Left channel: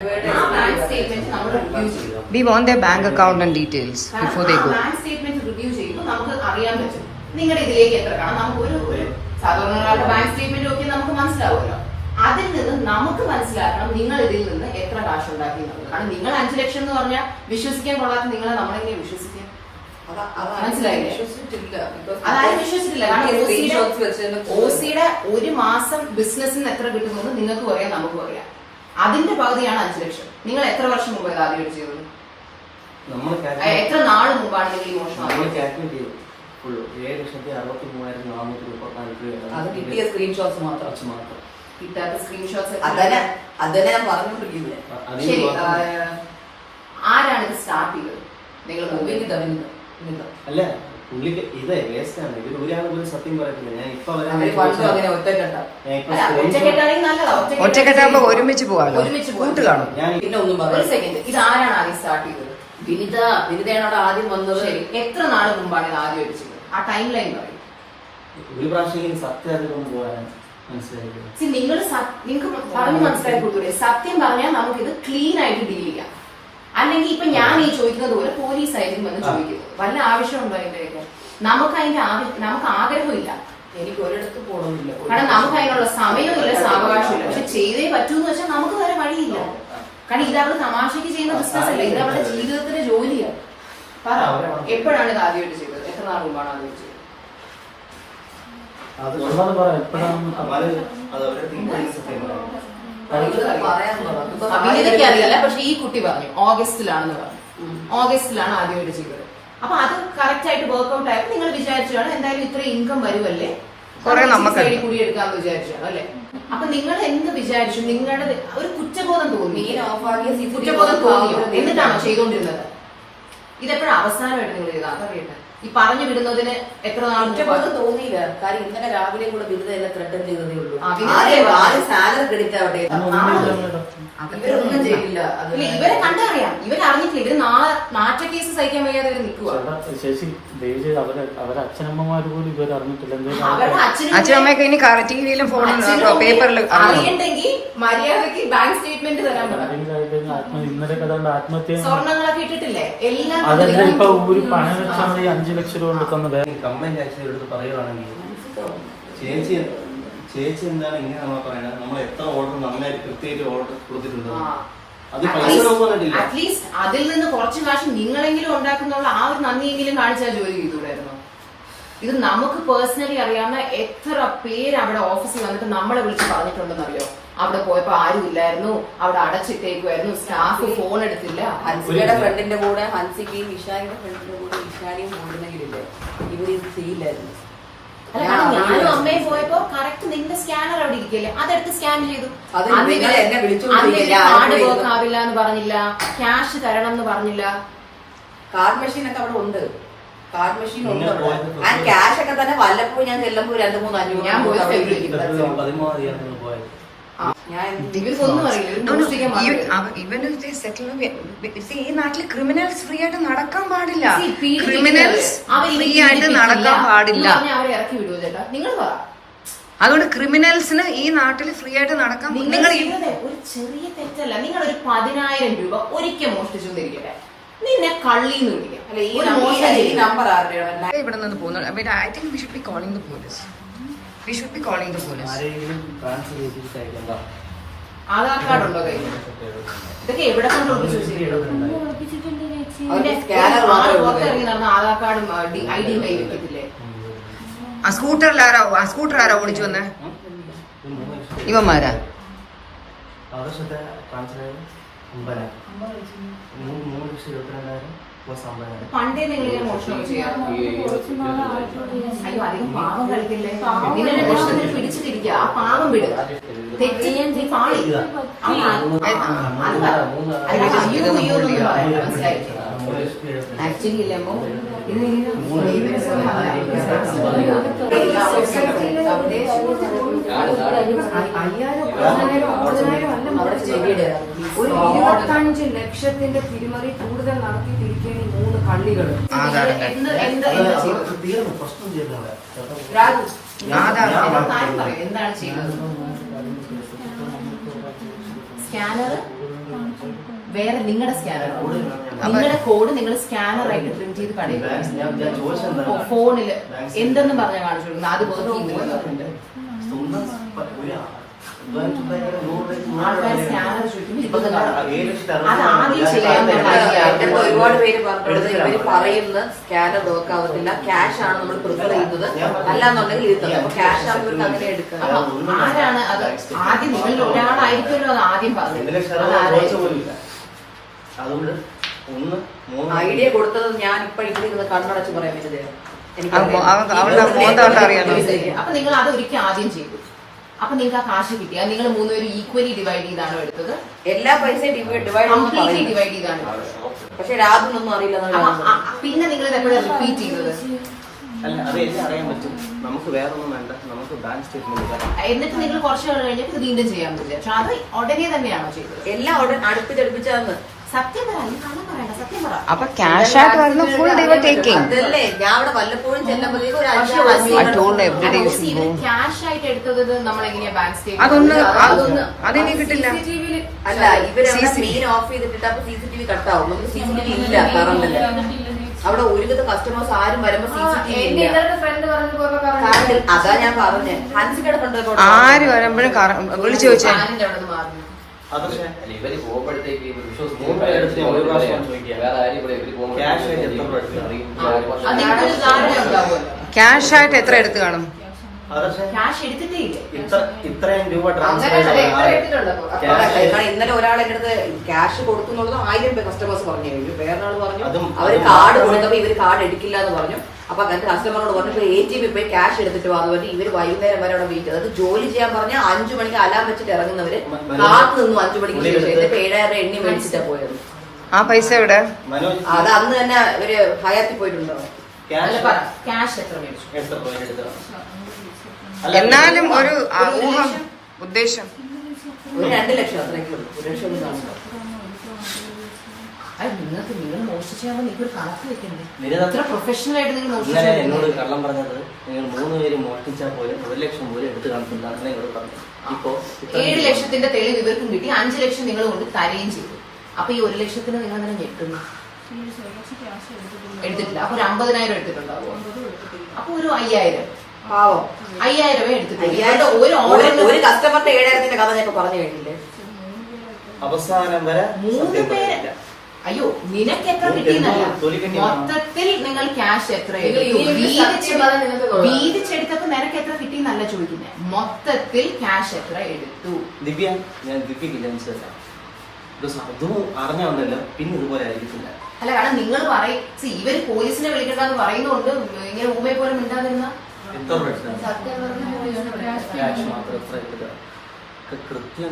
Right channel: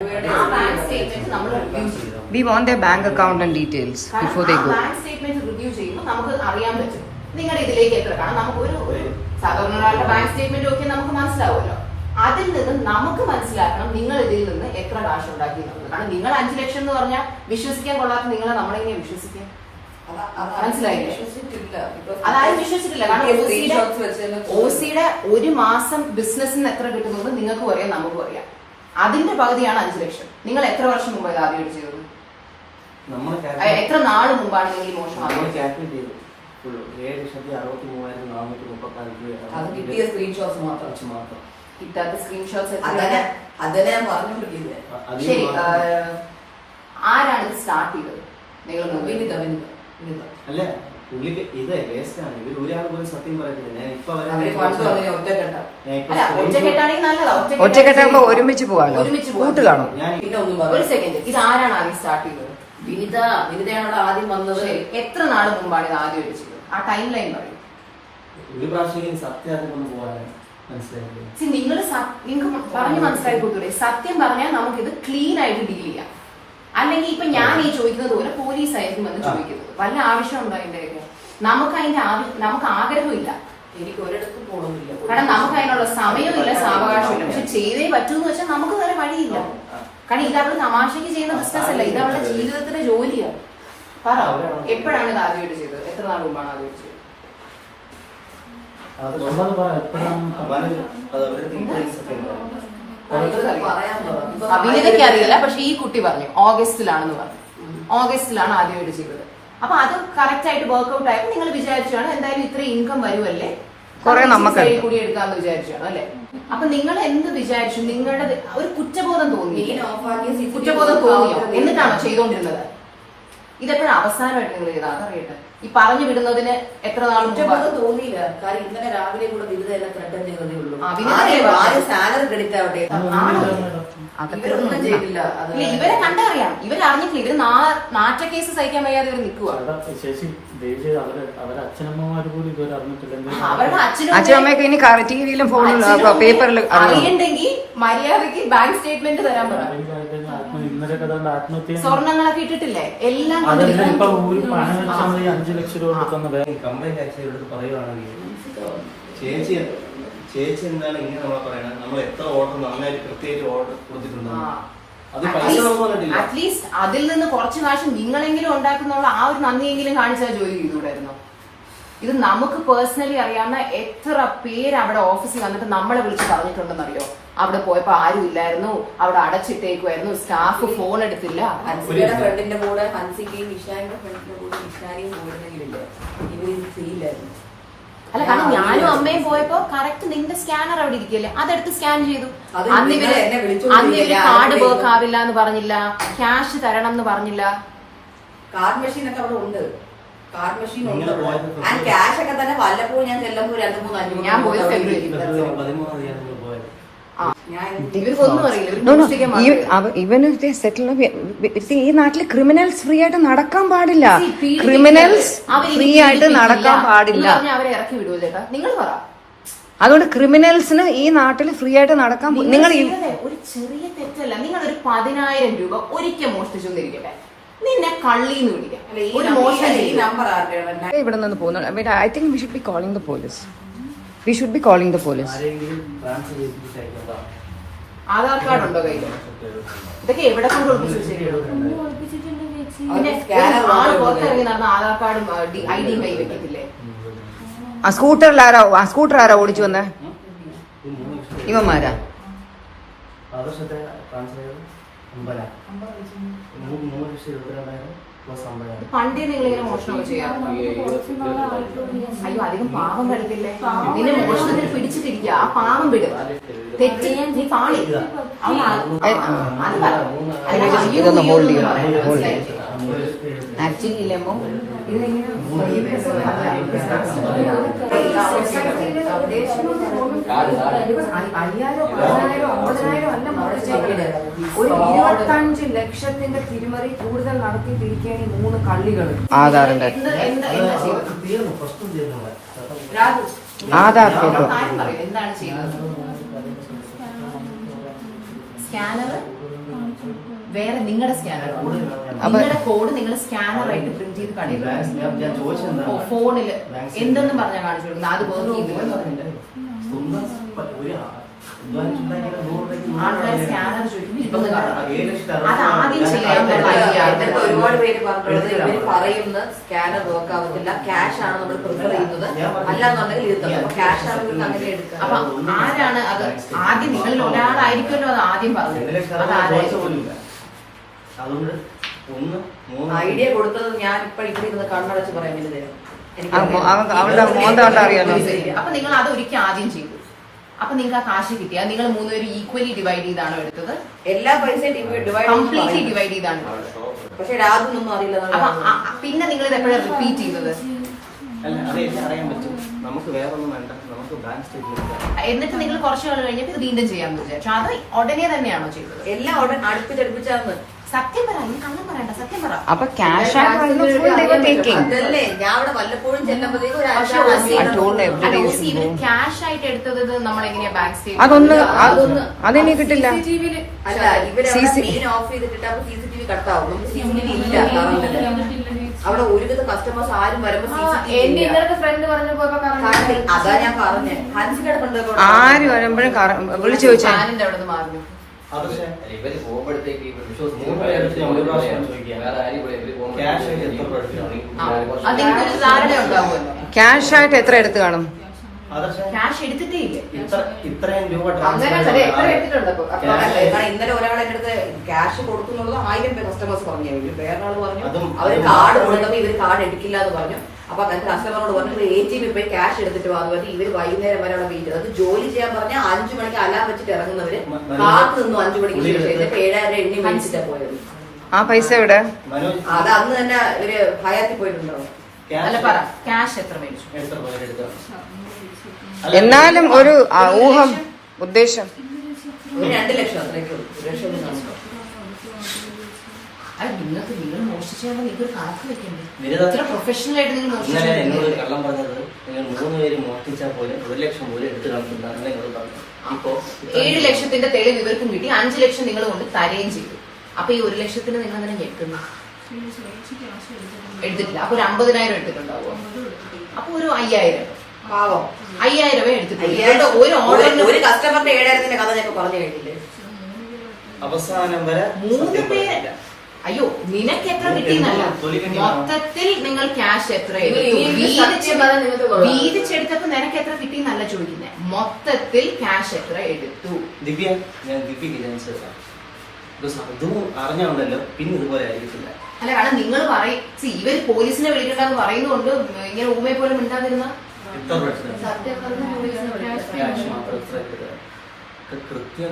We want their bank account and details before they go. Bank statement review ചെയ്യുമ്പോൾ നമുക്ക് അറിയാൻ പറ്റും നിങ്ങളുടെ ഇതിലേക്ക് എത്ര കാരണം നമുക്ക് ഒരു സാധാരണ ഒരാളുടെ ബാങ്ക് സ്റ്റേറ്റ്മെന്റ് ഒക്കെ നമുക്ക് മനസ്സിലാവുമല്ലോ. അതിൽ നിന്ന് നമുക്ക് മനസ്സിലാക്കണം നിങ്ങൾ ഇതിൽ നിന്ന് എത്ര കാശ് ഉണ്ടാക്കി എന്നുള്ളത്. കാരണം നിങ്ങൾ 5 ലക്ഷം എന്ന് പറഞ്ഞാൽ വിശ്വസിക്കാൻ കൊള്ളാത്ത നിങ്ങളെ നമ്മളെങ്ങനെ വിശ്വസിക്കാം? മനസ്സിലായില്ലേ? അതായത് വിശ്വസിച്ചിട്ടില്ല. കാരണം ഓസിയുടെ ഒരു മാസം ബിസിനസ്സിന് എത്ര കിട്ടുന്നത് നിങ്ങൾക്കും അറിയാം നമുക്കും അറിയാം. അതിന്റെ പകുതിയാണ് 5 ലക്ഷം. നിങ്ങൾ എത്ര വർഷം മുമ്പ് ഇത് ആദ്യം ചെയ്തത്? എത്ര നാള് മുമ്പാണ് നിങ്ങൾ ഈ മോഷണം? അത് കിട്ടിയ സ്ക്രീൻഷോട്ട്സ് മാത്രം കിട്ടാത്ത സ്ക്രീൻഷോട്ട്സ് അതന്നെ ഞാൻ പറഞ്ഞോണ്ടിരിക്കുന്നത്. ശരി, ആരാണ് ഇത് സ്റ്റാർട്ട് ചെയ്തത്? നിങ്ങൾ അല്ല പുള്ളിക്ക് ഇത് വേസ്റ്റാണ്. ഇവർ ഒരാൾ പോലും സത്യം പറയത്തില്ല. ഞാൻ ഇപ്പൊ ഒറ്റക്കെട്ടാകുമ്പോ ഒരുമിച്ച് പോവാലോ, കൂട്ട് കാണും. ഒരു സെക്കൻഡ്, ഇത് ആരാണ് ആദ്യം സ്റ്റാർട്ട് ചെയ്തത്? വിനിതയാണ് അവിടെ ആദ്യം വന്നത്. ശരി, എത്ര നാള് മുമ്പാണ് ഇത് ആദ്യം അടിച്ചത്? ആ ടൈം ലൈൻ പറയും. ഒരു പ്രാവശ്യം സത്യം കൊണ്ട് പോകാൻ മനസ്സിലായത് നിങ്ങൾക്ക് പറഞ്ഞു മനസ്സിലാക്കി കൊടുത്തൂടെ? സത്യം പറഞ്ഞാൽ നമുക്കിത് ക്ലീൻ ആയിട്ട് ഡീൽ ചെയ്യാം. അല്ലെങ്കിൽ ഇപ്പൊ ഞാൻ ഈ ചോദിക്കുന്നത് പോലെ പോലീസ് ആയിരിക്കും വന്ന് ചോദിക്കുന്നത്. വല്ല ആവശ്യമുണ്ടോ അതിന്റെയൊക്കെ? നമുക്ക് ആഗ്രഹമില്ല, എനിക്ക് ഒരിടത്ത് പോകണമെന്നില്ല. കാരണം നമുക്ക് അതിനുള്ള സമയമില്ല, സാവകാശമില്ല. പക്ഷെ ചെയ്തേ പറ്റൂന്ന് വെച്ചാൽ നമുക്ക് വേറെ വഴിയില്ല. കാരണം ഇത് അവള് തമാശക്ക് ചെയ്യുന്ന ബിസിനസ് അല്ല, ഇത് അവളുടെ ജീവിതത്തിന്റെ ജോലിയാണ്. പറ, എപ്പോഴാണ് ഇത് ആദ്യമായിട്ട് ചെയ്തത്? എത്ര നാൾ മുമ്പാണ് ആദ്യമായിട്ട് ചെയ്തത്? അഭിനേതയ്ക്ക് അറിയില്ല, പക്ഷെ ഈ കുട്ടി പറഞ്ഞു ഓഗസ്റ്റിലാണെന്ന് പറഞ്ഞു. ഓഗസ്റ്റിലാണ് ആദ്യമായിട്ട് ചെയ്തത്. അപ്പൊ അത് കറക്റ്റ് ആയിട്ട് വർക്ക്ഔട്ട് ആയപ്പോ നിങ്ങൾ വിചാരിച്ചാണ് എന്തായാലും ഇത്ര ഇൻകം വരുമല്ലേ, കൂടി എടുക്കാന്ന് വിചാരിച്ചാണ് അല്ലെ? അപ്പൊ നിങ്ങൾ എന്ത് വിചാരിച്ചു? നിങ്ങളുടെ ഒരു കുറ്റബോധം തോന്നി, എന്നിട്ടാണോ ചെയ്തുകൊണ്ടിരുന്നത്? ഇതെപ്പോഴും അവസാനമായിട്ട് നിങ്ങൾ ചെയ്താൽ അതറിയട്ടെ. ഈ പറഞ്ഞു വിടുന്നതിന് എത്ര നാൾ തോന്നിയില്ല. കാരണം ഇന്നലെ രാവിലെ കൂടെ വിരുദ്ധ എല്ലാം ത്രെട്ടൻ ചെയ്തതേ ഉള്ളൂ. സാലറി ക്രെഡിറ്റ് ആവട്ടെ, ചെയ്തില്ല. ഇവരെ കണ്ടറിയാം, ഇവരറിഞ്ഞിട്ടില്ല. ഇവര് നാറ്റ കേസ് സഹിക്കാൻ വയ്യാതെ ഇവർ നിൽക്കുക. അച്ഛനമ്മയൊക്കെ ഇനി ടിവിയിലും ഫോണിലും പേപ്പറിൽ അറിയണ്ടെങ്കിൽ മര്യാദക്ക് ബാങ്ക് സ്റ്റേറ്റ്മെന്റ് തരാൻ പറ്റും. സ്വർണ്ണങ്ങളൊക്കെ ഇട്ടിട്ടില്ലേ എല്ലാം. കംപ്ലൈന്റ് ആക്ച്വലി എടുത്ത് പറയുവാണെങ്കിൽ ചേച്ചി എന്താണ് ഇങ്ങനെ നമ്മൾ പറയുന്നത്? നമ്മൾ എത്ര ഓർഡർ നന്നായിട്ട് കൃത്യമായിട്ട് ഓർഡർ കൊടുത്തിട്ടുണ്ട്. അറ്റ്ലീസ്റ്റ് അതിൽ നിന്ന് കുറച്ച് കാശ് നിങ്ങളെങ്കിലും ഉണ്ടാക്കുന്നുള്ള ആ ഒരു നന്ദിയെങ്കിലും കാണിച്ചാൽ ജോലി ചെയ്തുകൂടായിരുന്നു. ഇത് നമുക്ക് പേഴ്സണലി അറിയാവുന്ന എത്ര പേര് അവിടെ ഓഫീസിൽ വന്നിട്ട് നമ്മളെ വിളിച്ച് പറഞ്ഞിട്ടുണ്ടെന്നറിയോ? അവിടെ പോയപ്പോ ആരും ഇല്ലായിരുന്നു, അവിടെ അടച്ചിട്ടേക്കുമായിരുന്നു, സ്റ്റാഫ് ഫോൺ എടുത്തില്ല. ഹൻസിയുടെ ഫ്രണ്ടിന്റെ കൂടെ ഹൻസിക്കയും ഇഷാനിയുടെ ഫ്രണ്ടിന്റെ കൂടെ ഇഷാനിയും പോയിരുന്നെങ്കിലില്ലേ ഇവരിത് ചെയ്യില്ലായിരുന്നു. അല്ല, കാരണം ഞാനും അമ്മയും പോയപ്പോ കറക്റ്റ് നിന്റെ സ്കാനർ അവിടെ ഇരിക്കല്ലേ, അതെടുത്ത് സ്കാൻ ചെയ്തു. കാർഡ് വർക്ക് ആവില്ല എന്ന് പറഞ്ഞില്ല, ക്യാഷ് തരണം എന്ന് പറഞ്ഞില്ല. കാർഡ് മെഷീൻ ഒക്കെ അവിടെ ഉണ്ട്, കാർഡ് മെഷീൻ ഉണ്ട്. ക്യാഷ് ഒക്കെ തന്നെ വല്ലപ്പോഴും ഞാൻ ചെല്ലുമ്പോൾ 2-3 ഞാൻ പോയി ഈ നാട്ടില് ക്രിമിനൽസ് ഫ്രീ ആയിട്ട് നടക്കാൻ പാടില്ല. ക്രിമിനൽസ് ഫ്രീ ആയിട്ട് നടക്കാൻ പാടില്ല. അവരെ ഇറക്കി വിടുവോ ചേട്ടാ? നിങ്ങൾ പറ. അതുകൊണ്ട് ക്രിമിനൽസിന് ഈ നാട്ടിൽ ഫ്രീ ആയിട്ട് നടക്കാൻ നിങ്ങൾ ഒരു ചെറിയ തെറ്റല്ല. നിങ്ങൾ ഒരു 10,000 രൂപ ഒരിക്കൽ മോഷ്ടിച്ചെന്നിരിക്കട്ടെ, നിന്നെ കള്ളിന്ന് വിളിക്കാം. ഇവിടെ നിന്ന് പോകുന്നു. I think we should be calling the police. We should be calling the police. Aadhaar card ഉണ്ടോ കയ്യിൽ? ഇതൊക്കെ എവിടെ കൊണ്ട് പുറത്തിറങ്ങി നടന്ന ആധാർ കാർഡും ID കയ്യിൽ വെക്കത്തില്ലേ? സ്കൂട്ടർ ആരാ ഓടിച്ചു വന്നേ? ഇവന്മാരാ? പണ്ടേ നിങ്ങൾ മോഷണം ചെയ്യാം. അയ്യോ, അധികം പാവം കളിക്കില്ലേ? നിന്നെ മോഷണത്തിന് പിടിച്ചു തിരിക്കുക, ആ പാവം വിടും. തെറ്റ് ചെയ്യാൻ നീ പാളി. ഇതൊന്ന് ഹോൾഡ് ചെയ്യാം. ആക്ച്വലി ഇല്ലേ ഒരു 25 ലക്ഷത്തിന്റെ തിരിമറി കൂടുതൽ നടത്തിയിട്ടിരിക്കുകയാണ് ഈ 3 കള്ളികൾ. ആധാറിന്റെ എന്താണ് ചെയ്തത്? സ്കാനർ വേറെ നിങ്ങളുടെ സ്കാനർ കോഡ്, നിങ്ങളുടെ കോഡ് നിങ്ങൾ സ്കാനറായിട്ട് പ്രിന്റ് ചെയ്ത് കടയിൽ ഞാൻ ചോദിച്ചെന്താ ഫോണില് എന്തെന്ന് പറഞ്ഞാൽ കാണിച്ചു കൊടുക്കുന്നത്, അത് വർക്ക് ചെയ്യുന്നില്ല. സ്വന്തം ആൾക്കാർ സ്കാനർ ചോദിക്കുമ്പോൾ 20 അത് ആദ്യം ചെയ്യാനുള്ള ഐഡിയ. ഒരുപാട് പേര് പറഞ്ഞിട്ടുള്ളത് ഇവര് പറയുന്ന സ്കാനർ നോക്കാവത്തില്ല, ക്യാഷ് ആണ് നമ്മൾ പ്രിഫർ ചെയ്യുന്നത്, അല്ലാന്നുണ്ടെങ്കിൽ ഇത് ക്യാഷ് ആകുമ്പോൾ അങ്ങനെ എടുക്കുക. അപ്പൊ ആരാണ് അത് ആദ്യം? നിങ്ങളിൽ ഒരാളായിരിക്കുമല്ലോ അത് ആദ്യം പറഞ്ഞത്. അതാരായിരിക്കും? അതുകൊണ്ട് ഐഡിയ കൊടുത്തത് ഞാൻ ഇപ്പൊ ഇവിടെ കണ്ണടച്ച് പറയാൻ പറ്റുന്നത് അവളുടെ മോന്ത കണ്ടാ അറിയാലോ. അപ്പൊ നിങ്ങൾ അത് ഒരിക്കൽ ആദ്യം ചെയ്തു. അപ്പൊ നിങ്ങൾക്ക് ആ കാശ് കിട്ടിയ നിങ്ങൾ 3 പേരും ഈക്വലി ഡിവൈഡ് ചെയ്താണോ എടുത്തത്? എല്ലാ പൈസയും കംപ്ലീറ്റ്ലി ഡിവൈഡ് ചെയ്താണ്. പക്ഷെ രാത്രിയൊന്നും അറിയില്ല. അപ്പൊ പിന്നെ നിങ്ങൾ ഇത് എപ്പോഴും റിപ്പീറ്റ് ചെയ്യുന്നത്? അല്ല, അത് എനിക്ക് അറിയാൻ പറ്റും. നമുക്ക് വേറെ ഒന്നും വേണ്ട, നമുക്ക് ബാങ്ക് സ്റ്റേറ്റ്മെന്റ്. എന്നിട്ട് നിങ്ങൾ കുറച്ച് നാൾ കഴിഞ്ഞിട്ട് ഇത് വീണ്ടും ചെയ്യാമെന്ന് വിചാരിച്ചു. അത് ഉടനെ തന്നെയാണോ ചെയ്തത്? എല്ലാം അടുപ്പിച്ചടുപ്പിച്ചാന്ന്. സത്യം പറ, നീ കള്ളം പറയണ്ട, സത്യം പറ. അപ്പൊ ക്യാഷ് ആയിട്ട് വരുന്ന ഫുൾ ഡേ ടേക്കിംഗ്. അതല്ലേ ഞാൻ അവിടെ വല്ലപ്പോഴും ചെന്നപ്പോഴത്തേക്കും ക്യാഷ് ആയിട്ട് എടുത്തത് നമ്മൾ എങ്ങനെയാ ബാങ്ക് അതെനിക്ക് കിട്ടില്ല. അല്ല, ഇവര് ഓഫ് ചെയ്തിട്ട് അപ്പൊ CCTV കട്ടാവും. CCTV ഇല്ല കറണ്ടില്. അവിടെ ഒരുവിധ കസ്റ്റമേഴ്സ് ആരും വരുമ്പോ അതാ ഞാൻ പറഞ്ഞേ. ഹൻസിക്കടെ കണ്ടോ ആര് വരുമ്പോഴും വിളിച്ചു ചോദിച്ചേ. ഇവര് പോകുമ്പോഴത്തേക്ക് ക്യാഷ് ആയിട്ട് എത്ര എടുത്ത് കാണും? ക്യാഷ് എടുത്തിട്ടേ ഇല്ല. ഇത്രയും രൂപ ഇന്നലെ ഒരാളെ അടുത്ത് ക്യാഷ് കൊടുക്കുന്നുള്ളത് 1000 രൂപ കസ്റ്റമേഴ്സ് പറഞ്ഞു. വേറെ ആള് പറഞ്ഞു അവര് കാർഡ് കൊടുക്കുമ്പോ ഇവര് കാർഡ് എടുക്കില്ല എന്ന് പറഞ്ഞു. അപ്പൊ അങ്ങനത്തെ കസ്റ്റമറോട് പറഞ്ഞു ATM പോയി ക്യാഷ് എടുത്തിട്ട് വന്നു. പറഞ്ഞ് ഇവര് വൈകുന്നേരം വരെ അവിടെ വെയിറ്റ്. അത് ജോലി ചെയ്യാൻ പറഞ്ഞാൽ 5 മണിക്ക് അലാം വെച്ചിട്ട് ഇറങ്ങുന്നവര് കാത്തു നിന്നു 5 മണിക്ക് ശേഷം. എന്നിട്ട് 7000 എണ്ണി മേടിച്ചിട്ടാ പോയത്. ആ പൈസ എവിടെ? അത് അന്ന് തന്നെ ഒരു ഹയാത്തിൽ പോയിട്ടുണ്ടോ? ക്യാഷ് എത്ര മേടിച്ചു? എന്നാലും ഒരു ഊഹം, ഉദ്ദേശം. ഒരു 2 ലക്ഷം അത്രയ്ക്ക് ഉള്ളൂ. 1 ലക്ഷം അത് നിങ്ങൾക്ക് നിങ്ങൾ മോഷിച്ചാൽ നിങ്ങൾക്ക് ഒരു കണക്ക് വെക്കണ്ടേ? എത്ര പ്രൊഫഷണൽ ആയിട്ട് നിങ്ങൾ മോഷിച്ചാൽ? എന്നോട് കള്ളം പറഞ്ഞത് നിങ്ങൾ 3 പേര് മോഷ്ടിച്ചാൽ പോലെ 1 ലക്ഷം പോലും എടുത്ത് കളഞ്ഞിട്ടുണ്ടാകുന്ന എന്നോട് പറഞ്ഞു. ഇപ്പോ 7 ലക്ഷത്തിന്റെ തെളിവ് ഇവർക്കും കിട്ടി. 5 ലക്ഷം നിങ്ങൾ കൊണ്ട് തരുകയും ചെയ്തു. അപ്പൊ ഈ 1 ലക്ഷത്തിന് നിങ്ങൾ അങ്ങനെ ഞെട്ടുന്നു? എടുത്തിട്ടില്ല. അപ്പൊ ഒരു 50,000 എടുത്തിട്ടുണ്ടാവുമോ? അപ്പൊ ഒരു 5000 പാവം 5000 എടുത്തിട്ടില്ല. ഒരു ഓർഡറിന് ഒരു കസ്റ്റമറിന്റെ 7000ന്റെ കഥ ഞാൻ പറഞ്ഞു കേട്ടില്ലേ? അവസാനം വരെ 3 പേര്. അയ്യോ, നിനക്ക് എത്ര കിട്ടിയെന്നല്ല, മൊത്തത്തിൽ നിങ്ങൾ ക്യാഷ് എത്ര വീതിച്ചെടുത്തപ്പോ നിനക്ക് എത്ര കിട്ടിയെന്നല്ല ചോദിക്കുന്നത്. മൊത്തത്തിൽ ക്യാഷ് എത്ര എടുത്തു? ദിവ്യ, ഞാൻ ദിവ്യക്ക് ചാൻസ് അതും അറിഞ്ഞു വന്നല്ലോ. പിന്നെ ഇതുപോലെ ആയിരിക്കില്ല. അല്ല, കാരണം നിങ്ങൾ പറയും ഇവര് പോലീസിനെ വിളിക്കണ്ടെന്ന് പറയുന്നതുകൊണ്ട് ഇങ്ങനെ ഊമയെ പോലെ മിണ്ടാതിരുന്ന കൃത്യം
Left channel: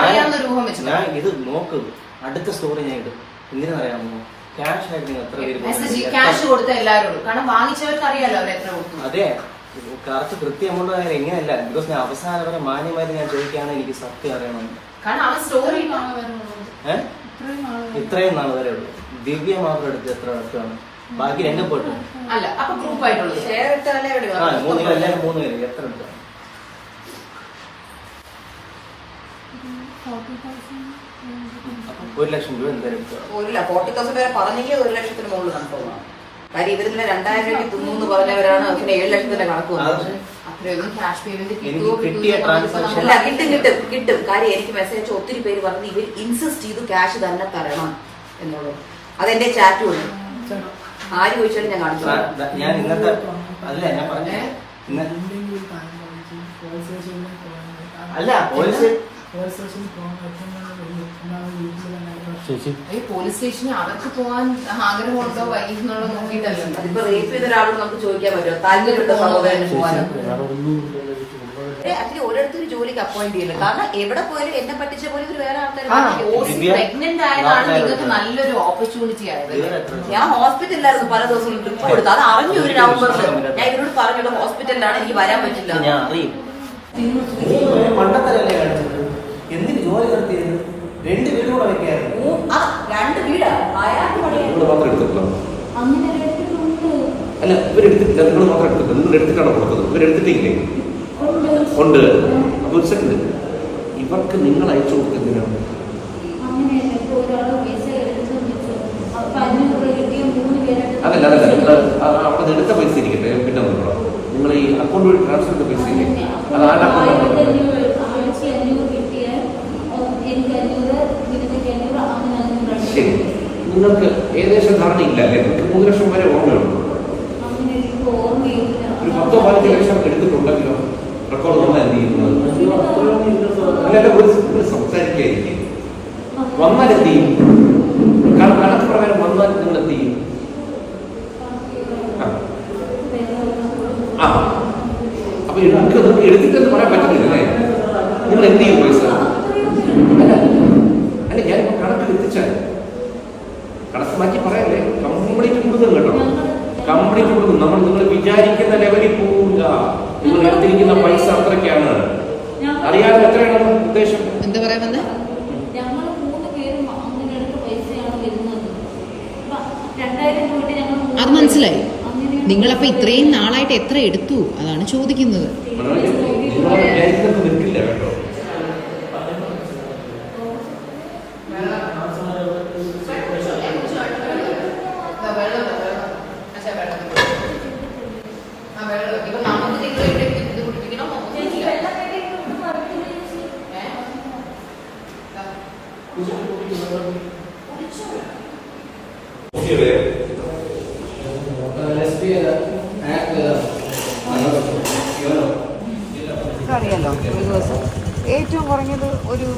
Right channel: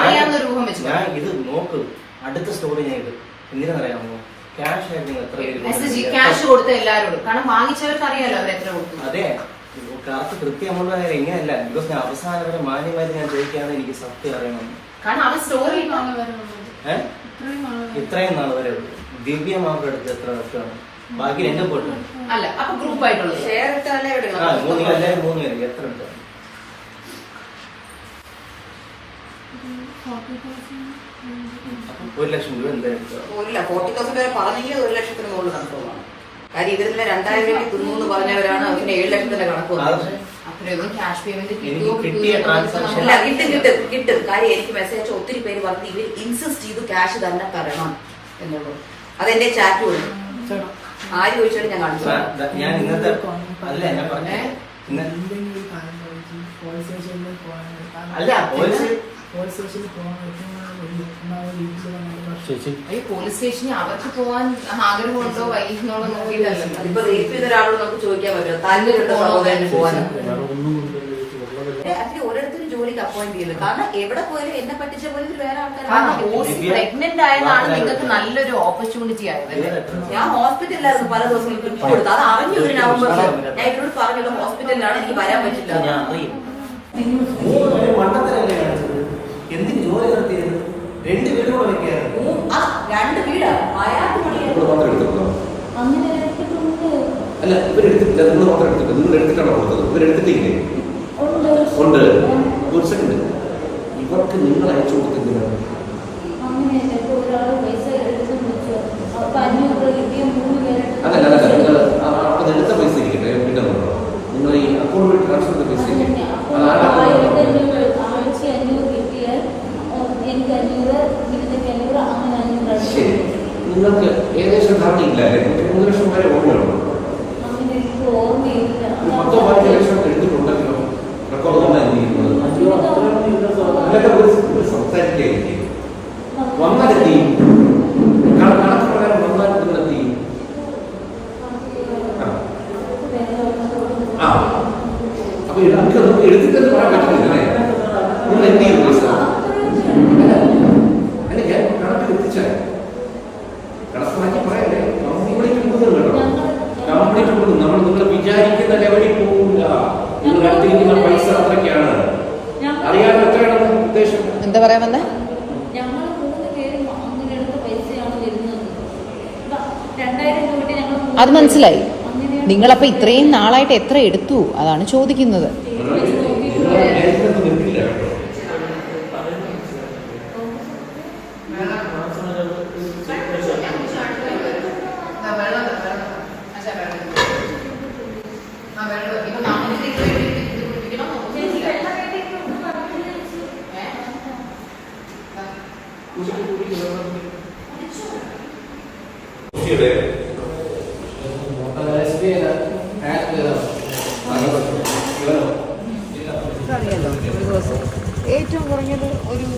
അറിയാവുന്ന രൂപം വെച്ച് ഞാൻ ഇത് നോക്കും. അടുത്ത സ്റ്റോറി ഞാൻ ഇത് എന്തിനാണെന്നറിയാമോ? ക്യാഷ് ആയിട്ട് നിങ്ങൾ എത്ര മെസ്സേജ് ക്യാഷ് കൊടുത്ത എല്ലാവരോടും, കാരണം വാങ്ങിച്ചവർക്ക് അറിയാലോ അവരെത്ര കൊടുത്തു. അതെ, കറക്റ്റ് കൃത്യമുള്ള കാര്യം എങ്ങനെയല്ല. ബിക്കോസ് ഞാൻ അവസാനം വരെ മാന്യമായിട്ട് ഞാൻ ചോദിക്കുകയാണ്, എനിക്ക് സത്യം അറിയണം. കാരണം അവൻ സ്റ്റോറി ഇത്രയും നാൾ വരെ ദിവ്യ മാത്രം എടുത്ത് എത്ര എടുത്താണ്? ബാക്കി 2 പോട്ടു അല്ല. അപ്പൊ ഗ്രൂപ്പ് ആയിട്ടുള്ളത് ഷെയർ ഇട്ടാലേ എല്ലാവരും 3 പേര് എത്ര എടുത്തു? 1 ലക്ഷം രൂപ എന്തായാലും 40,000 വരെ പറഞ്ഞെങ്കിൽ 1 ലക്ഷത്തിന് മുകളിൽ കണക്ക് പോകണം. കാര്യം ഇതിലെ 2000 രൂപ തിന്നു പറഞ്ഞവരാണ് അവന് 7 ലക്ഷത്തിന്റെ കണക്ക് പോകുന്നത്. അത്രയൊന്നും ക്യാഷ് പേയ്മെന്റ് അല്ല, കിട്ടും. കാര്യം എനിക്ക് മെസ്സേജ് അയച്ച ഒത്തിരി പേര് പറഞ്ഞത് ഇവർ ഇൻസിസ്റ്റ് ചെയ്തു ക്യാഷ് തന്നെ തരണം എന്നുള്ളത്. അതെന്റെ ചാറ്റ് വരും. ആര് ചോദിച്ചാലും ഞാൻ കാണിച്ചു. ഞാൻ ഇന്നത്തെ അല്ല ഞാൻ പറഞ്ഞേ അല്ല പോലീസ് സ്റ്റേഷനിൽ അവർക്ക് പോകാൻ ആഗ്രഹമുണ്ടോ വൈകുന്നോളോ നോക്കിയിട്ടല്ലോ. ഇപ്പൊ റേപ്പ് ചെയ്ത ഒരാളോട് നമുക്ക് ചോദിക്കാൻ പറ്റുമോ താല്പര്യമുണ്ടോ സഹോദരന് പോകാനോ? അതിന് ഓരോരുത്തരും ജോലിക്ക് അപ്പോയിന്റ് ചെയ്യുന്നത്. കാരണം എവിടെ പോയാലും എന്നെ പറ്റിച്ച പോലെ വേറെ ആൾക്കാർ പ്രഗ്നന്റ് ആയതാണ് നിങ്ങൾക്ക് നല്ലൊരു ഓപ്പർച്യൂണിറ്റി ആയത്. ഞാൻ ഹോസ്പിറ്റലിലായിരുന്നു പല ദിവസം കൊടുത്തു. അത് അറിഞ്ഞു ഒരു നവംബറിൽ ഞാൻ ഇവരോട് പറഞ്ഞുള്ള ഹോസ്പിറ്റലിലാണ്, എനിക്ക് വരാൻ പറ്റില്ല. ഞാൻ അറിയും. എന്തിന് ജോലി നടത്തിയത്? 2 വീട് കൂടെ വെക്കായിരുന്നു. 2 വീടാ അയാൾക്ക് അല്ല, ഇവരെടുത്തിട്ടില്ല. നിങ്ങൾ മാത്രം എടുത്തില്ല. നിങ്ങൾ എടുത്തിട്ടാണോ കൊടുത്തത്? ഇവരെടുത്തിട്ടില്ലേ? ഉണ്ട്. ഒരു സെക്കൻഡ്. ഇവർക്ക് നിങ്ങൾ അയച്ചു കൊടുത്തെന്തിനാണ്? അങ്ങനെയല്ല, ഇപ്പൊ ഒരാള് പൈസ എടുത്തു വെച്ചു, അപ്പൊ 500 രൂപ കിട്ടിയ 3 പേരായിട്ട് അതല്ല നിങ്ങൾ അവിടെ എടുത്ത പൈസ ഇരിക്കട്ടെ, പിന്നെ നോക്കണം. നിങ്ങൾ ഈ അക്കൗണ്ട് വഴി ട്രാൻസ്ഫർ ചെയ്ത പൈസ ഇല്ലേ, അത് ആരുടെ അക്കൗണ്ട്? 1500 കിട്ടിയാൽ എനിക്ക് 500, നിങ്ങൾക്ക് 500, അങ്ങനെ ശരി, നിങ്ങൾക്ക് ഏകദേശം ധാരണയില്ല അല്ലേ? നിങ്ങൾക്ക് 3 ലക്ഷം വരെ ഓർമ്മയുള്ളൂ. അങ്ങനെ എനിക്ക് ഓർമ്മയില്ല. ഒരു 10-15 ലക്ഷം എടുത്തിട്ടുണ്ടെങ്കിലോ റെക്കോർഡ് വന്നാൽ എന്ത് ചെയ്യുന്നത്? അല്ലാതെ ഒരു സംസാരിക്കുകയായിരിക്കും. വന്നാൽ എന്ത് ചെയ്യും? കണക്ക് പ്രകാരം വന്നാൽ നിങ്ങൾ എന്ത് ചെയ്യും? അപ്പൊ നമുക്ക് എടുത്തിട്ടെന്ന് പറയാൻ പറ്റുന്നില്ലേ? നിങ്ങൾ എന്ത് ചെയ്യും പൈസ? അല്ല, ഞാൻ കണക്ക് എത്തിച്ചാൽ കണക്ക് മാറ്റി പറയല്ലേ, കംപ്ലീറ്റ് കൊടുക്കും കേട്ടോ. കംപ്ലീറ്റ് കൊടുക്കും. നിങ്ങൾ വിചാരിക്കുന്ന ലെവലിൽ പോകില്ല. നിങ്ങൾ എടുത്തിരിക്കുന്ന പൈസ അത്രയ്ക്കാണ്. അറിയാൻ എത്രയാണ് ഉദ്ദേശം? എന്താ പറയാൻ വന്നേ? ഞങ്ങൾ 3 പേരും അങ്ങനെ എടുത്ത പൈസയാണ് വരുന്നത്. 2000 കൂട്ടി ഞങ്ങൾ അത് മനസ്സിലായി. അങ്ങനെ നിങ്ങളപ്പോ ഇത്രയും നാളായിട്ട് എത്ര എടുത്തു അതാണ് ചോദിക്കുന്നത്. നിങ്ങൾ വിചാരിക്കുന്നത് നിൽക്കില്ല കേട്ടോ. അറിയാലോ, ഒരു ദിവസം ഏറ്റവും കുറഞ്ഞത് ഒരു